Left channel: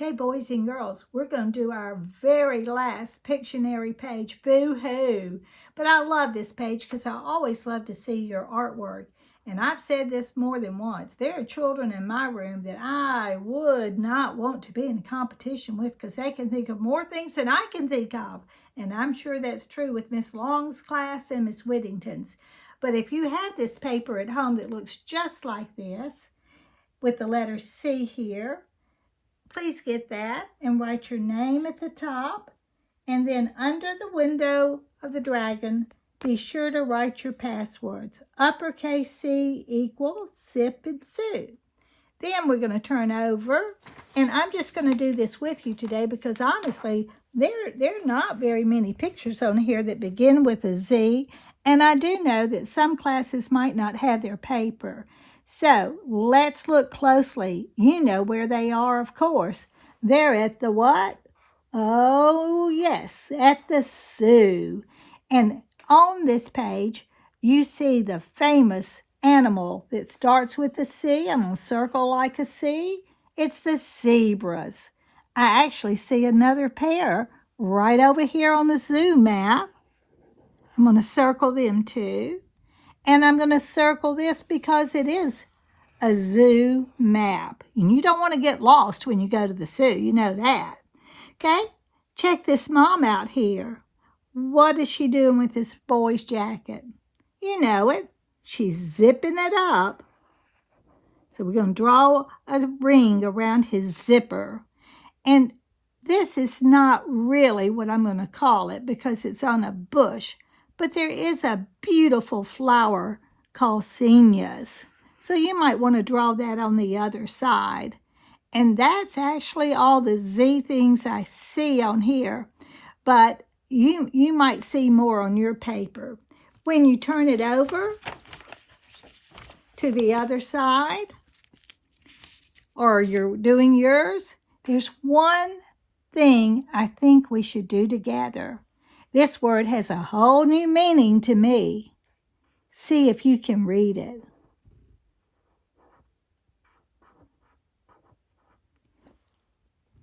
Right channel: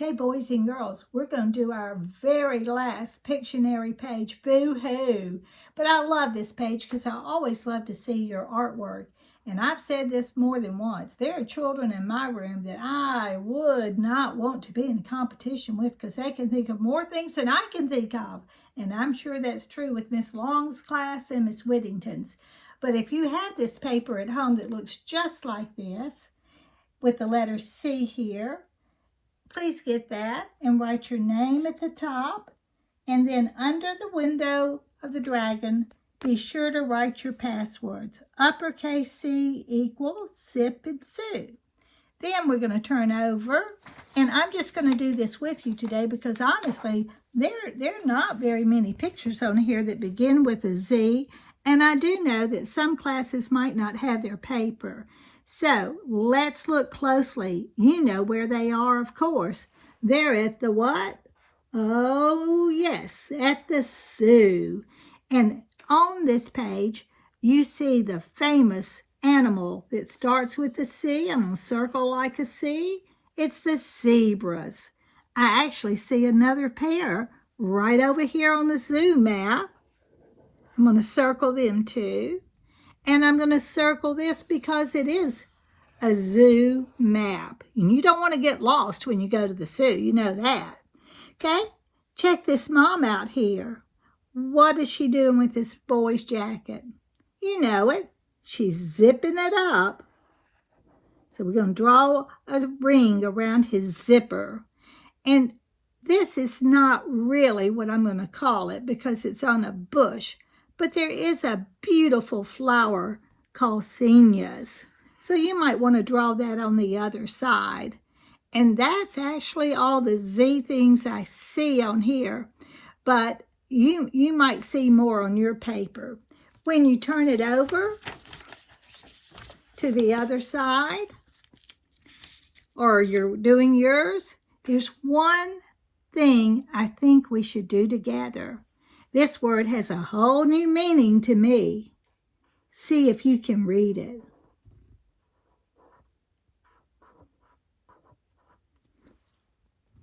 Okay, boys and girls, we're going to do our very last Pictionary page, boo-hoo. But I love this page because I always love to see your artwork. And I've said this more than once. There are children in my room that I would not want to be in competition with because they can think of more things than I can think of. And I'm sure that's true with Miss Long's class and Miss Whittington's. But if you have this paper at home that looks just like this, with the letter C here, please get that and write your name at the top. And then under the window of the dragon, be sure to write your passwords. Uppercase C equals Zip and Sue. Then we're going to turn over. And I'm just going to do this with you today because honestly, there are not very many pictures on here that begin with a Z. And I do know that some classes might not have their paper. So let's look closely. You know where they are, of course. They're at the what? Oh, yes, at the zoo. And on this page, you see the famous animal that starts with a C. I'm going to circle like a C. It's the zebras. I actually see another pair right over here on the zoo map. I'm going to circle them too. And I'm going to circle this because it is a zoo map. And you don't want to get lost when you go to the zoo. You know that. Okay? Check this mom out here. What is she doing with this boy's jacket? You know it. She's zipping it up. So we're going to draw a ring around his zipper. And this is not really what I'm going to call it because it's on a bush. But there is a beautiful flower called zinnias. So you might want to draw that on the other side. And that's actually all the Z things I see on here. But you might see more on your paper. When you turn it over to the other side, or you're doing yours, there's one thing I think we should do together. This word has a whole new meaning to me. See if you can read it.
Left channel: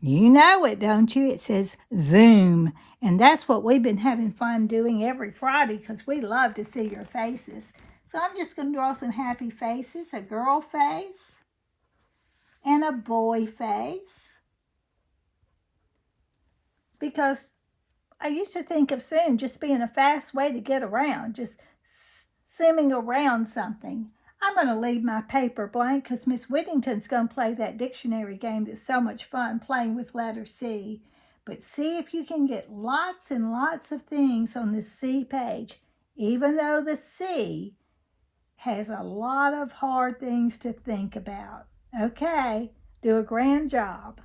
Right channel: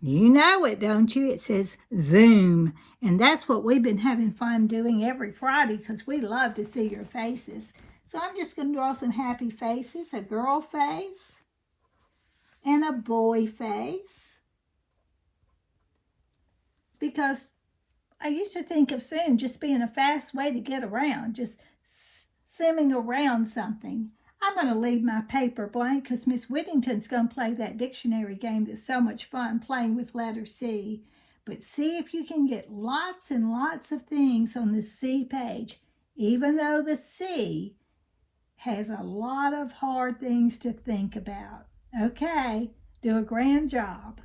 You know it, don't you? It says Zoom. And that's what we've been having fun doing every Friday because we love to see your faces. So I'm just going to draw some happy faces, a girl face and a boy face. Because I used to think of Zoom just being a fast way to get around, just zooming around something. I'm going to leave my paper blank because Miss Whittington's going to play that dictionary game that's so much fun playing with letter C. But see if you can get lots and lots of things on the C page, even though the C has a lot of hard things to think about. Okay, do a grand job.